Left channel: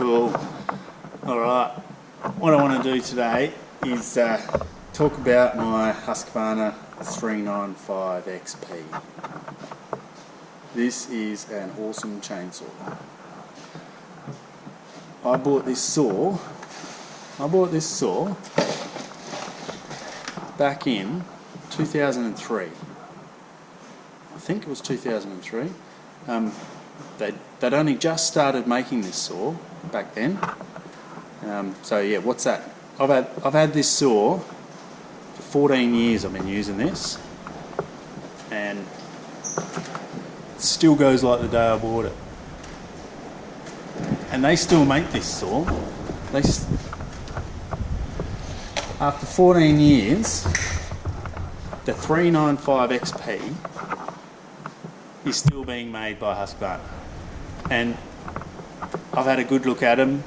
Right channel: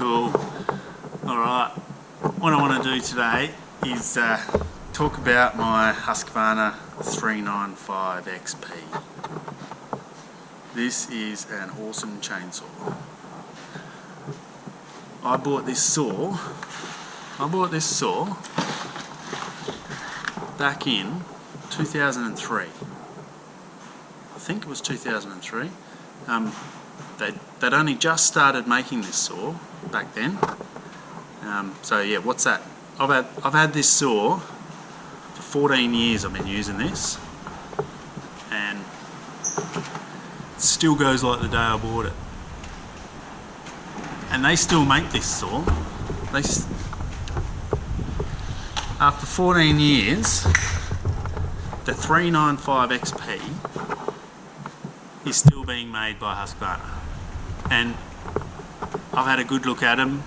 Cool. Alright, what I want to do today is talk about my Husqvarna 395 XP. This is an awesome chainsaw. I bought this saw back in 2003. I think it was 2003. They'd only just started making this saw back then. So yeah, what's that? I've had this saw for 14 years. I've been using this, and it still goes like the day I bought it. And they still make this saw. After 14 years, the 395 XP is still being made by Husqvarna. And I've had a good look at them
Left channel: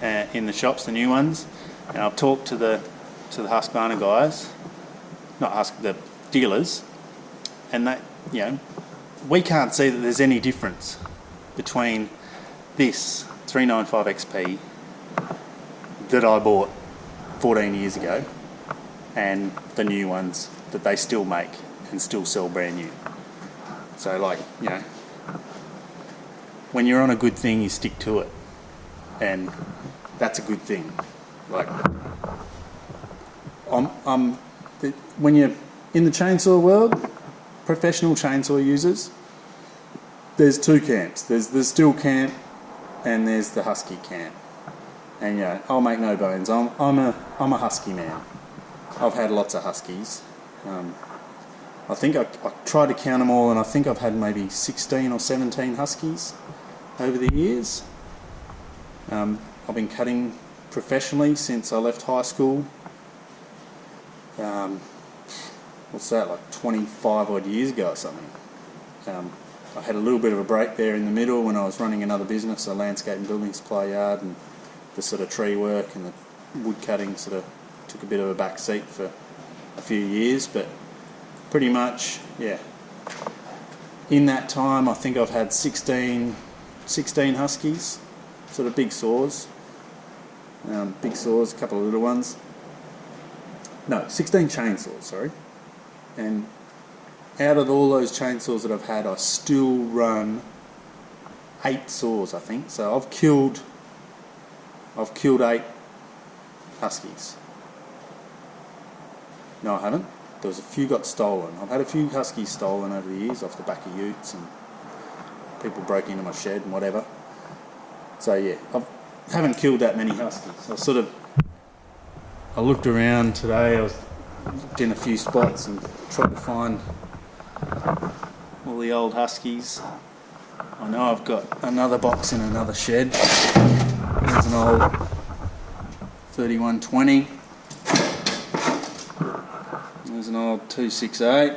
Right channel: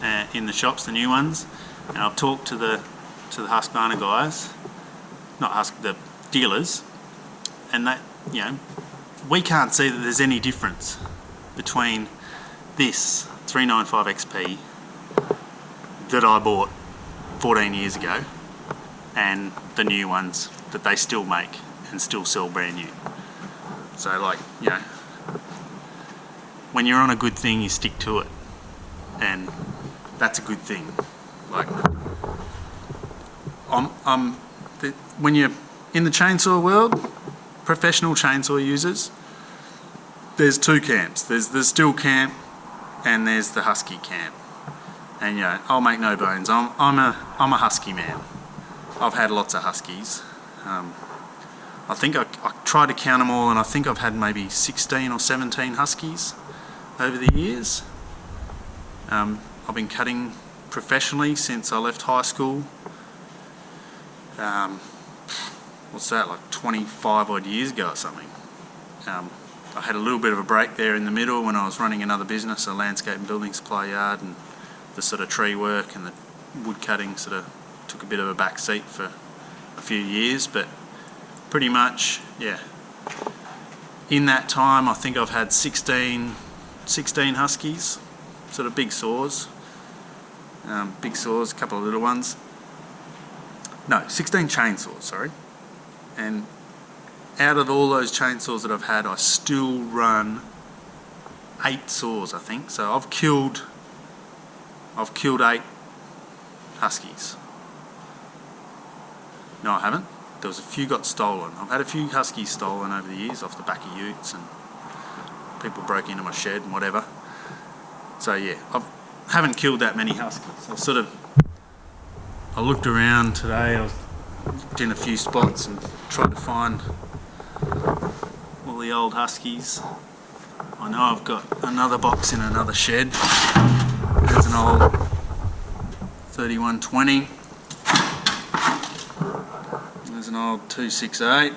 in the shops, the new ones, and I've talked to the Husqvarna guys, the dealers, and that, you know, we can't see that there's any difference between this 395 XP that I bought 14 years ago and the new ones that they still make and still sell brand new. So, like, you know, when you're on a good thing, you stick to it, and that's a good thing. Like, when you're in the chainsaw world, professional chainsaw users, there's two camps. There's the Stihl camp, and there's the Husky camp. And you know, I'll make no bones. I'm a Husky man. I've had lots of Huskies. I think I tried to count them all, and I think I've had maybe 16 or 17 Huskies over the years. I've been cutting professionally since I left high school. What's that, like 25 odd years ago or something. I had a little bit of a break there in the middle when I was running another business, a landscape and building supply yard, and the sort of tree work and the wood cutting sort of took a bit of a back seat for a few years, but pretty much, yeah. In that time, I think I've had 16 Huskies, sort of big saws. Big saws, a couple of little ones. No, 16 chainsaws, sorry. And out of all those chainsaws that I've had, I still run 8 saws, I think. So I've killed 8 Huskies. No, I haven't. There was a few got stolen. I've had a few Huskies stolen over the years off the back of utes, and people broke into my shed and whatever. So yeah, I haven't killed that many Huskies. I looked around today. I looked in a few spots and tried to find all the old Huskies. I know I've got another box in another shed. There's an old 3120. There's an old 268.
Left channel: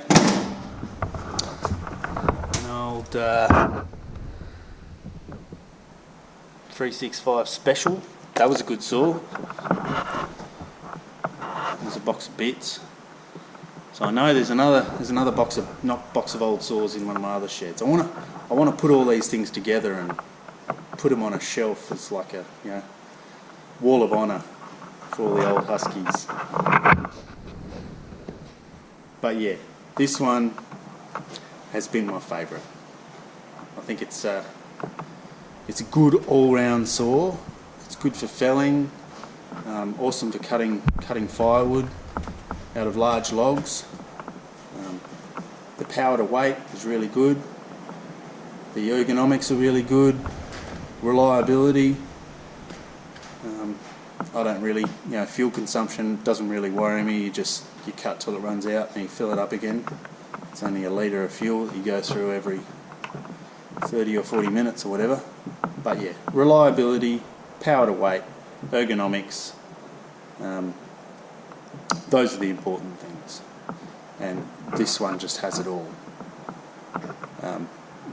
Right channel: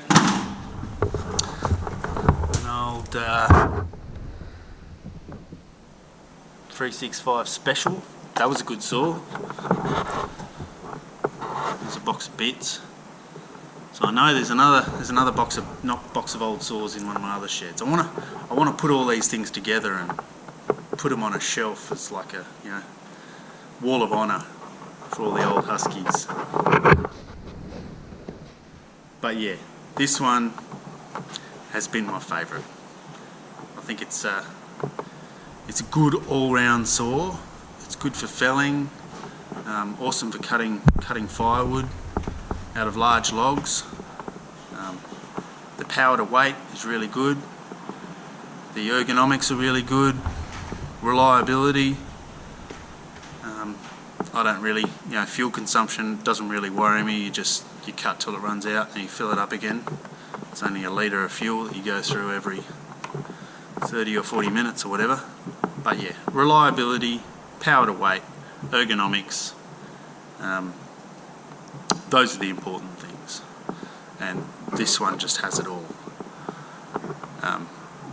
An old 365 Special. That was a good saw. There's a box of bits. So I know there's another box of old saws in one of my other sheds. I want to put all these things together and put them on a shelf as like a, you know, wall of honour for all the old Huskies. But yeah, this one has been my favourite. I think it's a good all-round saw. It's good for felling, awesome for cutting firewood out of large logs. The power to weight is really good. The ergonomics are really good. Reliability. I don't really, you know, fuel consumption doesn't really worry me. You cut till it runs out and you fill it up again. It's only a litre of fuel that you go through every 30 or 40 minutes or whatever. But yeah, reliability, power to weight, ergonomics, those are the important things. And this one just has it all.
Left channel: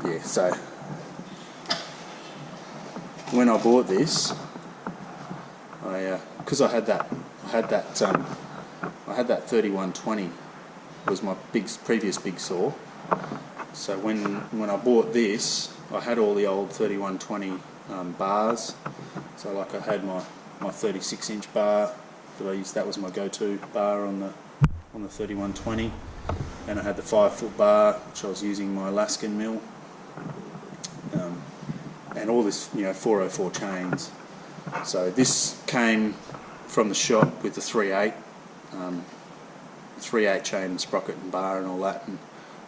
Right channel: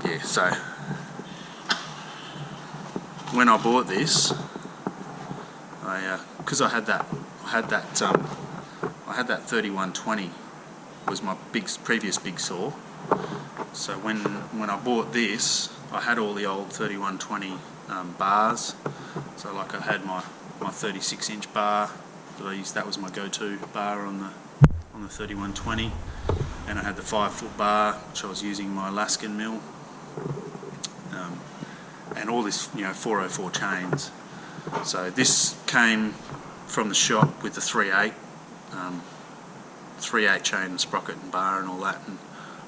Yeah, so when I bought this, because I had that 3120 was my previous big saw. So when I bought this, I had all the old 3120 bars. So like I had my 36-inch bar that I used. That was my go-to bar on the 3120, and I had the 5-foot bar, which I was using my Alaskan mill, and all this 404 chains. So this came from the shop with the 3/8 chain and sprocket and bar and all that, and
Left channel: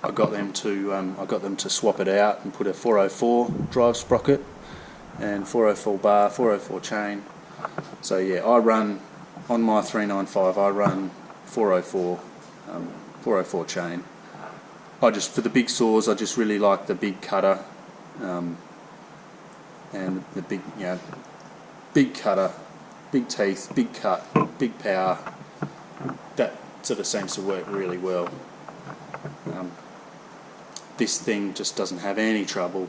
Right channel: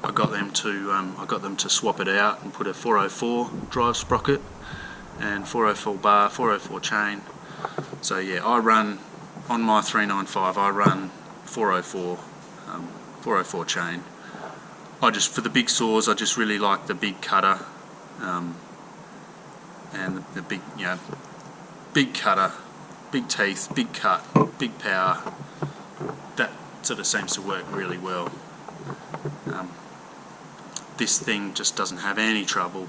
I got them to swap it out and put a 404 drive sprocket and 404 bar, 404 chain. So yeah, I run on my 395. I run 404 chain. For the big saws, I just really like the big cutter, and the big big cutter, big teeth, big cut, big power. That sort of seems to work really well. This thing just doesn't have any trouble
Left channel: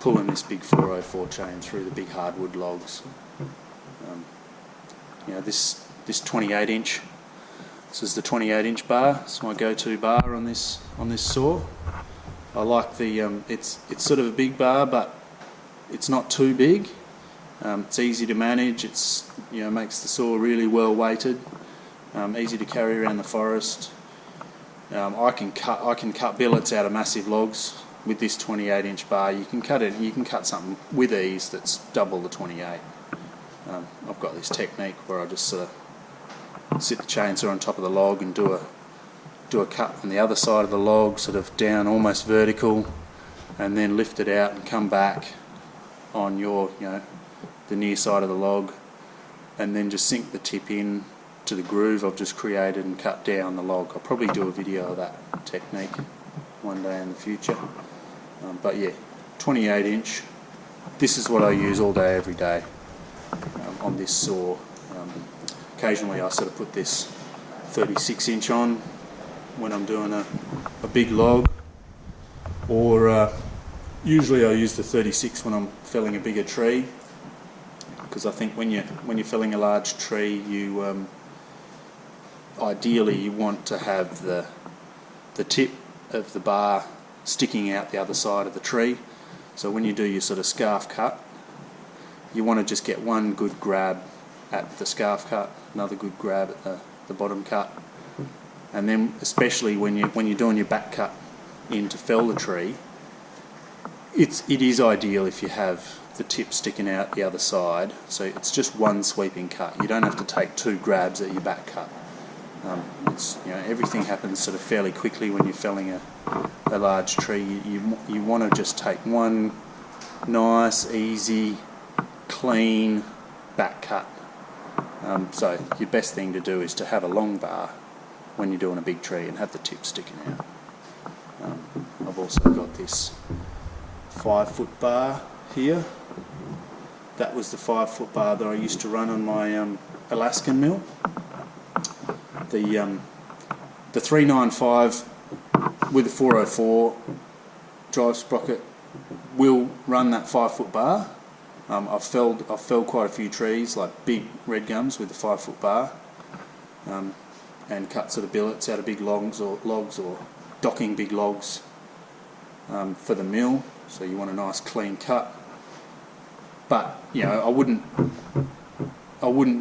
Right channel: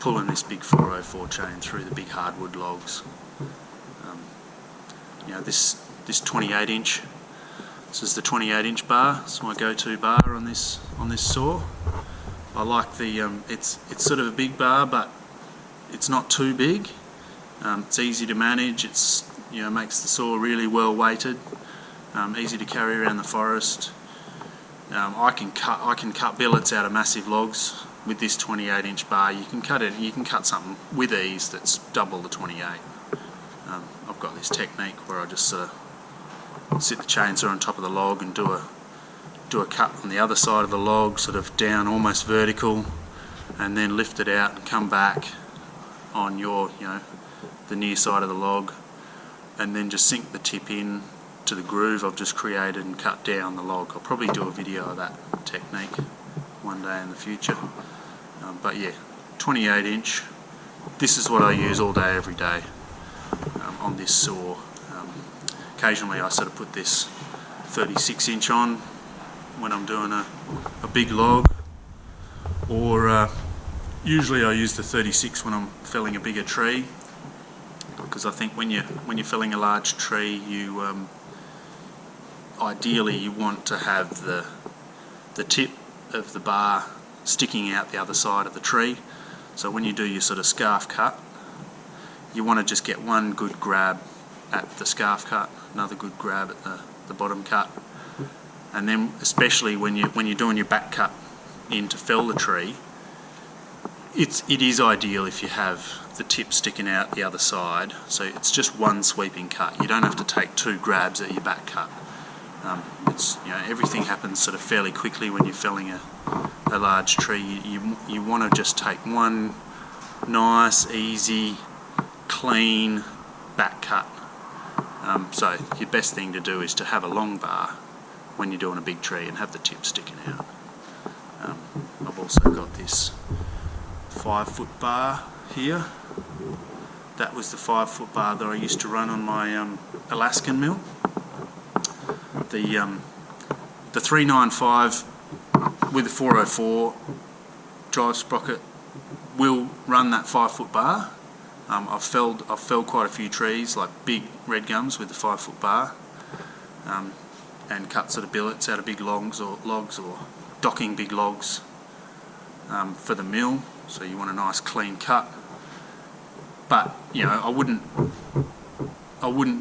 pulling this big 404 chain through the big hardwood logs. This 28-inch. This is the 28-inch bar. It's my go-to bar on this saw. I like the it's sort of a big bar, but it's not too big. It's easy to manage. It's makes the saw really well weighted. Easy to carry around the forest. I can cut billets out of massive logs with this 28-inch bar. You can cut something with ease that's double the 28. I've got this technique where I just sort of sit the chainsaw on top of the log and do a cut on the other side of the log, sort of down almost vertical, and then lift it out and come back on the near side of the log, and then just sink the tip in to the groove I've just created and cut down the log. I'll probably do a video of that technique one day in the future. But yeah, 28-inch. This is what I use all day, every day on this saw. Occasionally I sort of put this 36-inch on when I'm doing a big log, or usually I use the 36 when I'm felling a bigger tree, because I think when you're felling a large tree, you ideally you want to have the tip of the bar sticking out the other side of the tree. So when you do your sort of scarf cut, you want to just get one good grab at the scarf cut, another good grab at the bottom cut, and then especially when you're doing your back cut in to fell the tree, it is ideal if you have the tip sticking out the other side, so it's just one sweeping cut. You don't have to take two grabs at your back cut. Everything happens sort of fairly quickly when you're felling a large tree. You want to just take one nice, easy, clean back cut. So your best thing to do is to have a long bar when you're doing a big tree and have the tip sticking out. I've also got this 5-foot bar here. That was the 5-foot bar that I used to run on my Alaskan mill. The 395 with the 404 drive sprocket will run that 5-foot bar. I've felled quite a few trees, like big red gums, with the 5-foot bar, and cut sort of billets out of big logs or docking big logs for the mill. So you want a nice clean cut. But I wouldn't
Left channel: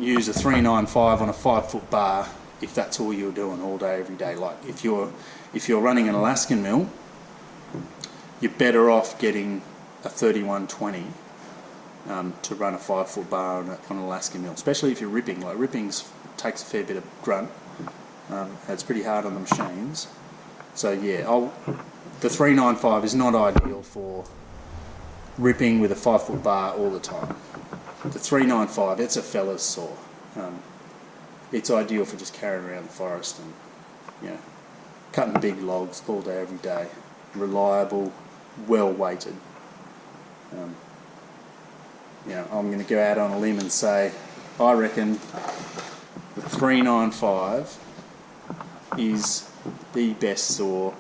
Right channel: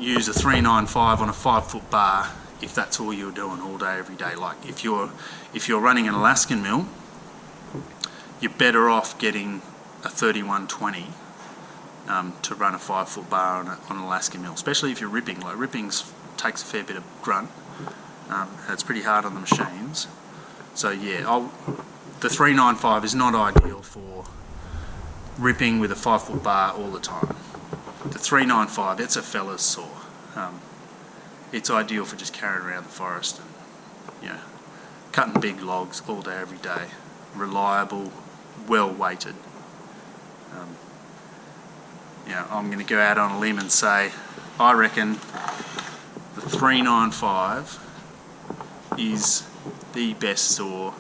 use a 395 on a 5-foot bar if that's all you're doing all day, every day. Like if you're running an Alaskan mill, you're better off getting a 3120 to run a 5-foot bar on an Alaskan mill, especially if you're ripping. Like ripping takes a fair bit of grunt. It's pretty hard on the machines. So yeah, the 395 is not ideal for ripping with a 5-foot bar all the time. The 395, it's a fella's saw. It's ideal for just carrying around the forest and cutting big logs all day, every day. Reliable, well weighted. I'm going to go out on a limb and say I reckon the 395 is the best saw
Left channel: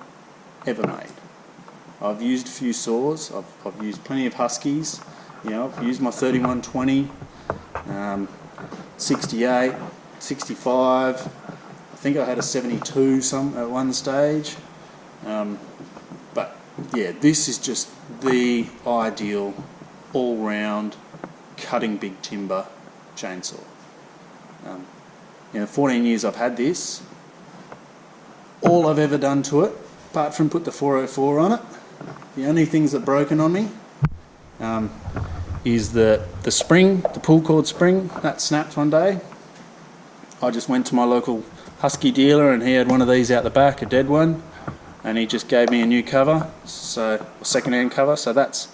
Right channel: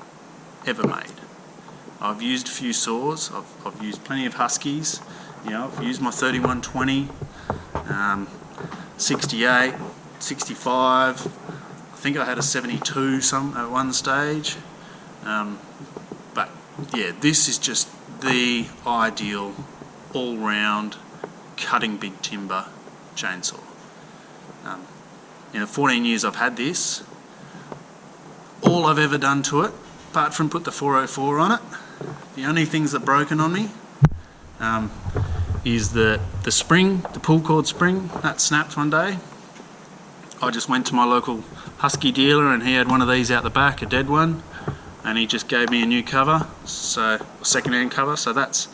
ever made. I've used a few saws. I've used plenty of Huskies. I've used my 3120, 68, 65. I think I had a 72 at one stage. But yeah, this is just the ideal all-round cutting big timber chainsaw. In the 14 years I've had this, all I've ever done to it, apart from put the 404 on it, the only things that broken on me is the spring, the pull cord spring, that snapped one day. I just went to my local Husky dealer and he had one of these out the back, a dead one, and he just gave me a new cover, so a second-hand cover. So that's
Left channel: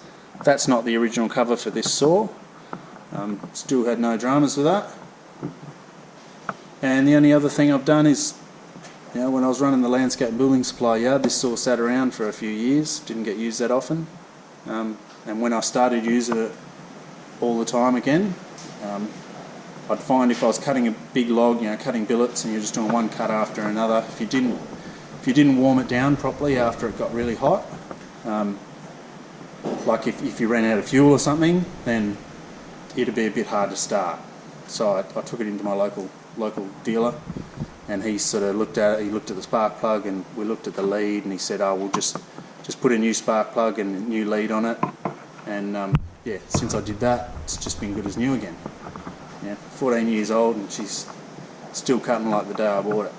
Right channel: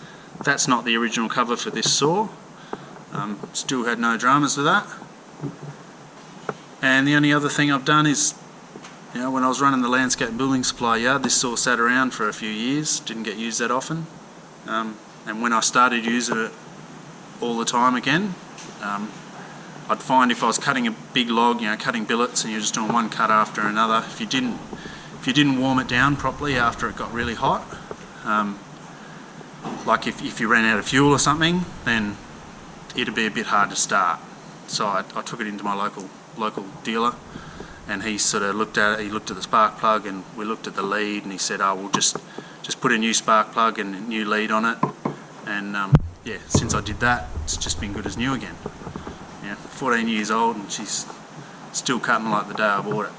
not the original cover for this saw. Still had no dramas with that. And the only other thing I've done is, when I was running the landscape building supply yard, this saw sat around for a few years, didn't get used that often. And when I started using it all the time again, I'd find if I was cutting a big log, cutting billets, and you're just doing one cut after another, if you didn't warm it down properly after it got really hot, like if you ran out of fuel or something, then it'd be a bit hard to start. So I took it into my local dealer, and he sort of looked at it. He looked at the spark plug, and we looked at the lead, and he said, "Oh, we'll just put a new spark plug and a new lead on it." And yeah, since I did that, it's just been good as new again. 14 years old, and she's still cutting like the day I bought it.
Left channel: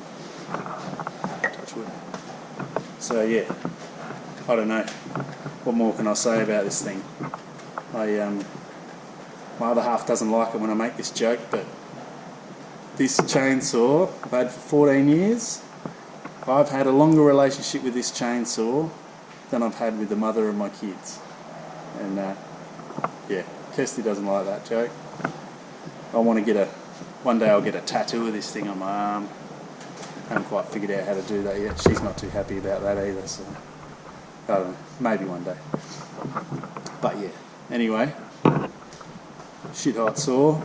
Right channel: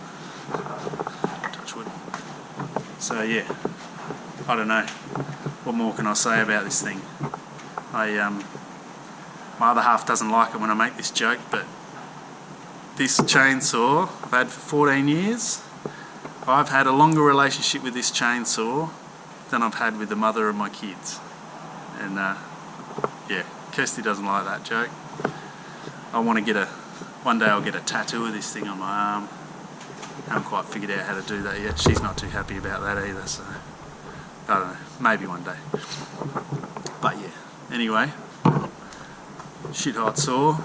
Touch wood. So yeah, I don't know. What more can I say about this thing? My other half doesn't like it when I make this joke, but this chainsaw I've had for 14 years. I've had a longer relationship with this chainsaw than I've had with the mother of my kids. And yeah, Kirsty doesn't like that joke. I want to one day I'll get a tattoo of this thing on my arm. Haven't quite figured out how to do that yet. She's not too happy about that either, so I don't know, maybe one day. But yeah, anyway, shit hot saw.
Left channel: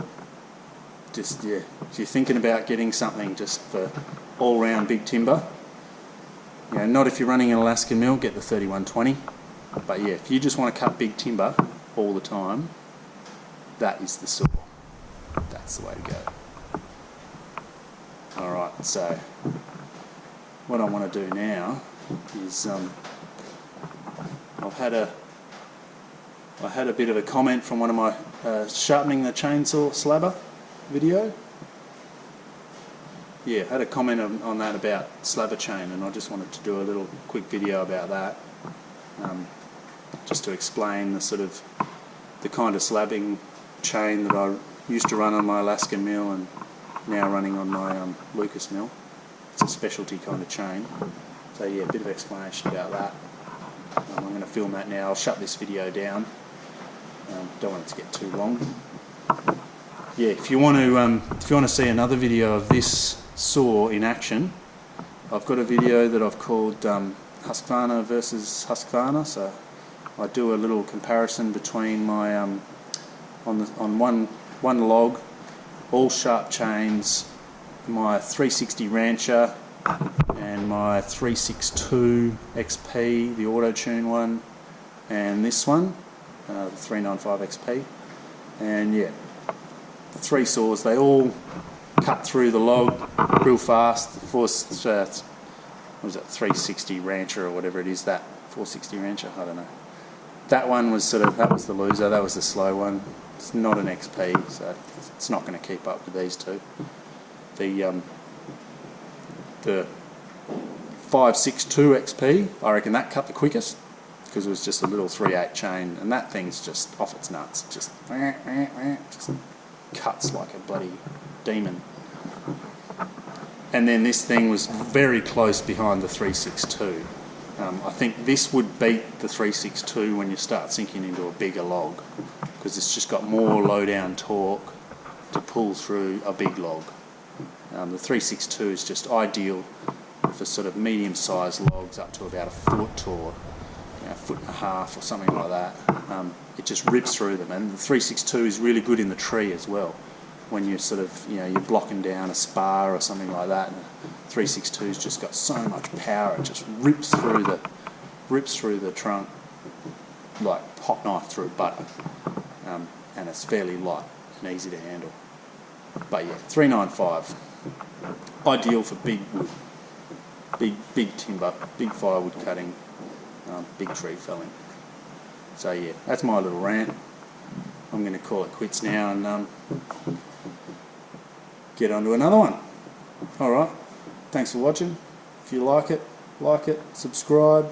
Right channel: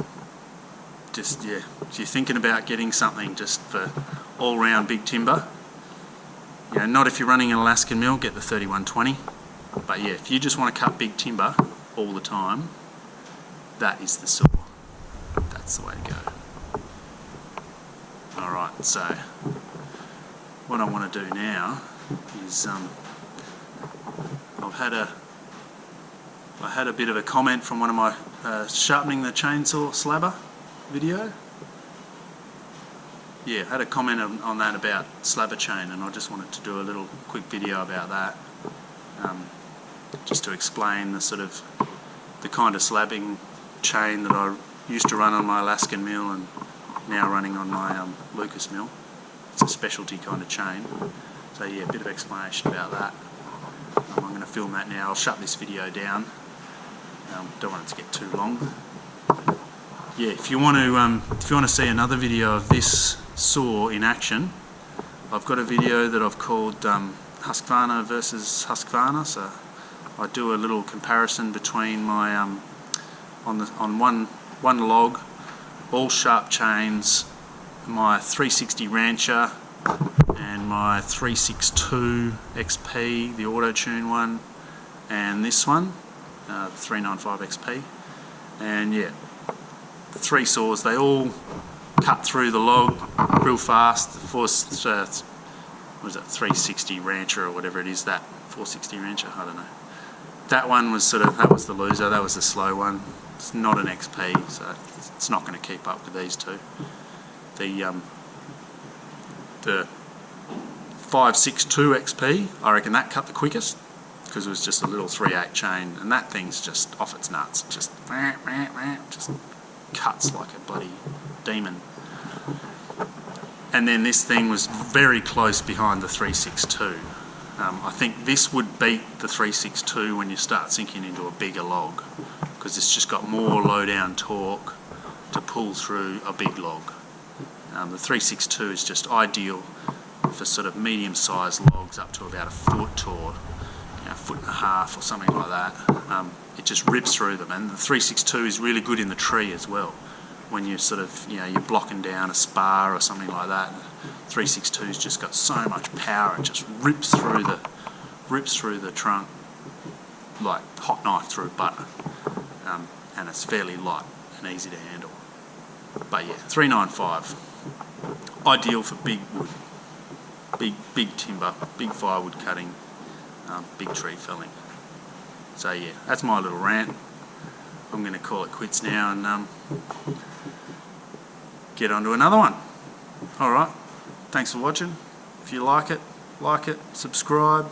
Just, yeah, if you're thinking about getting something just for all-round big timber, not if you're running an Alaskan mill, get the 3120. But yeah, if you just want to cut big timber all the time, that is the saw. That's the way to go. Alright, so what I want to do now is I had a bit of a comment from one of my sharpening the chainsaw slabber video. Yeah, I had a comment on that about slabber chain, and I just wanted to do a little quick video about that, just to explain the kind of slabbing chain that I used to run on my Alaskan mill and now running on my Lucas mill. It's a specialty kind of chain. So yeah, a bit of explanation about that. I'm going to film that now. I'll shut this video down. Don't want it to get too long. Yeah, if you want to see another video of this saw in action, I've got a video that I've called Husqvarna versus Husqvarna. So I do a little comparison between my on one log, all sharp chains, my 360 Rancher and my 362 XP, the auto-tune one, and this one, the 395 XP. And yeah, the three saws, they all cut through the log real fast. What is that, 360 Rancher or whatever it is, that 460 Rancher, I don't know. That one was that was the loser, that was the slow one. It's not an XP, so it's not going to keep up with these two. The 562 XP, I reckon that cut the quickest, because it was just a little 3/8 chain, and that thing's just off its nuts, just cuts like a bloody demon. And then this thing was very close behind the 362. I think this would beat the 362 when you start sinking into a bigger log, because it's just got more low-down torque to pull through a big log. The 362 is just ideal for medium-sized logs up to about a foot or a foot and a half or something like that. It just rips through them, and the 362 is really good in the tree as well. When you're you're blocking down a spar or something like that, and the 362's just got so much power, it just rips through the trunk like hot knife through butter. And it's fairly light and easy to handle. But yeah, 395, ideal for big wood, big timber, big firewood cutting, big tree felling. So yeah, that's my little rant. I'm going to call it quits now and get on to another one. Alright, thanks for watching. If you like it, subscribe.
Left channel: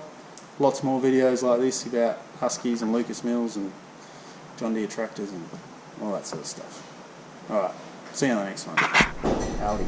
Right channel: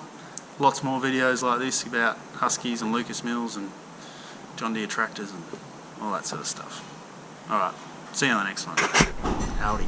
Lots more videos like this about Huskies and Lucas Mills and John Deere tractors and all that sort of stuff. Alright, see you on the next one. Howdy.